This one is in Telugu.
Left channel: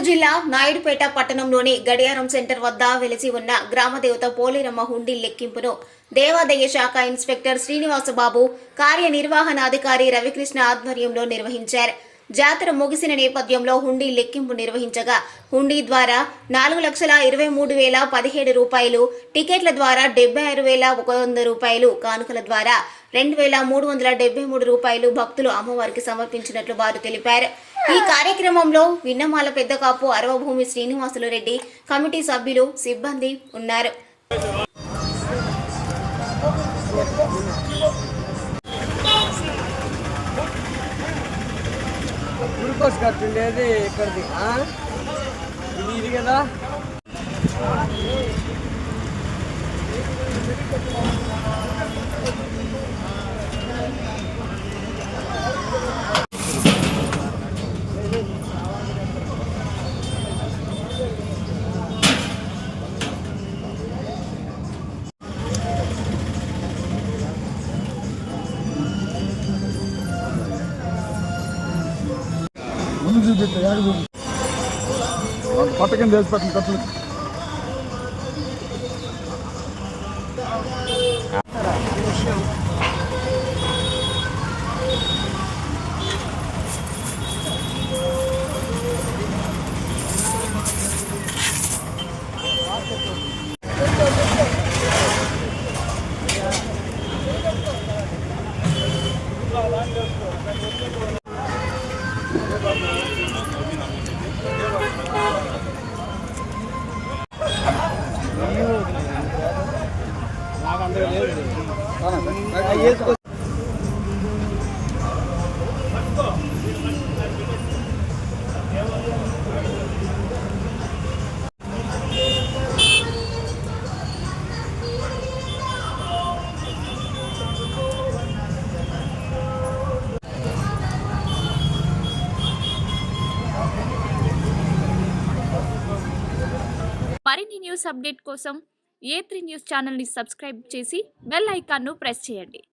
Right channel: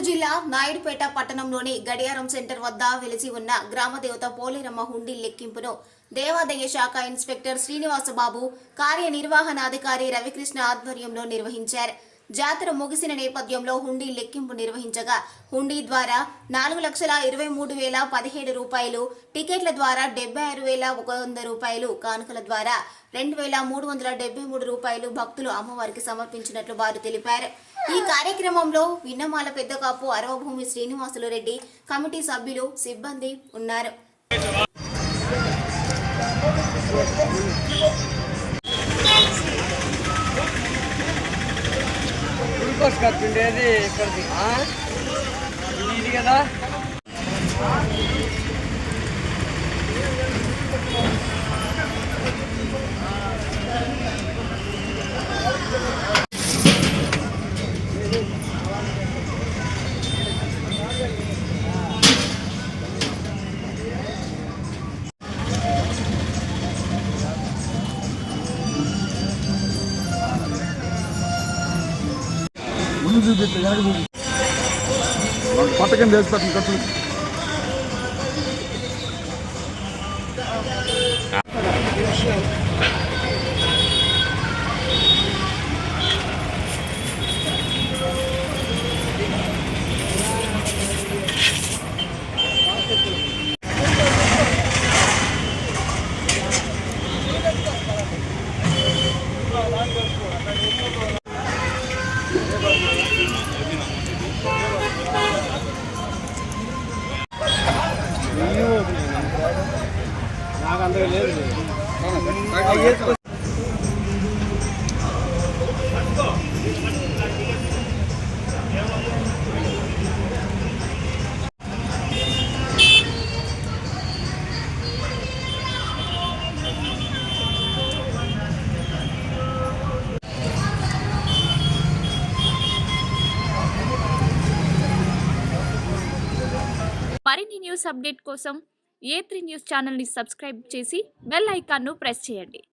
గుంటూరు జిల్లా నాయుడుపేట పట్టణంలోని గడియారం సెంటర్ వద్ద వెలిసి ఉన్న గ్రామదేవత పోలేరమ్మ హుండీ లెక్కింపును దేవాదాయ శాఖ ఇన్స్పెక్టర్ శ్రీనివాసబాబు, కార్యనిర్వహణాధికారి రవికృష్ణ ఆధ్వర్యంలో నిర్వహించారు. జాతర ముగిసిన నేపథ్యంలో హుండీ లెక్కింపు నిర్వహించగా హుండీ ద్వారా 4,23,017 రూపాయలు, టికెట్ల ద్వారా 76,100 రూపాయలు, కానుకల ద్వారా 2,373 రూపాయలు భక్తులు అమ్మవారికి సమర్పించినట్లు వారు తెలిపారు. ఈ కార్యక్రమంలో విన్నమాల పెద్దకాపు అరవభూమి శ్రీనివాసులు రెడ్డి, కమిటీ సభ్యులు, సిబ్బంది ఉన్నారు. కట్టుండేది ఇక్కడిది ఇది కదా. పట్టకం చేసి పట్టిన కట్టు మరిన్ని న్యూస్ అప్డేట్ కోసం A3 న్యూస్ ఛానల్ని సబ్స్క్రైబ్ చేసి బెల్ ఐకాన్ను ప్రెస్ చేయండి.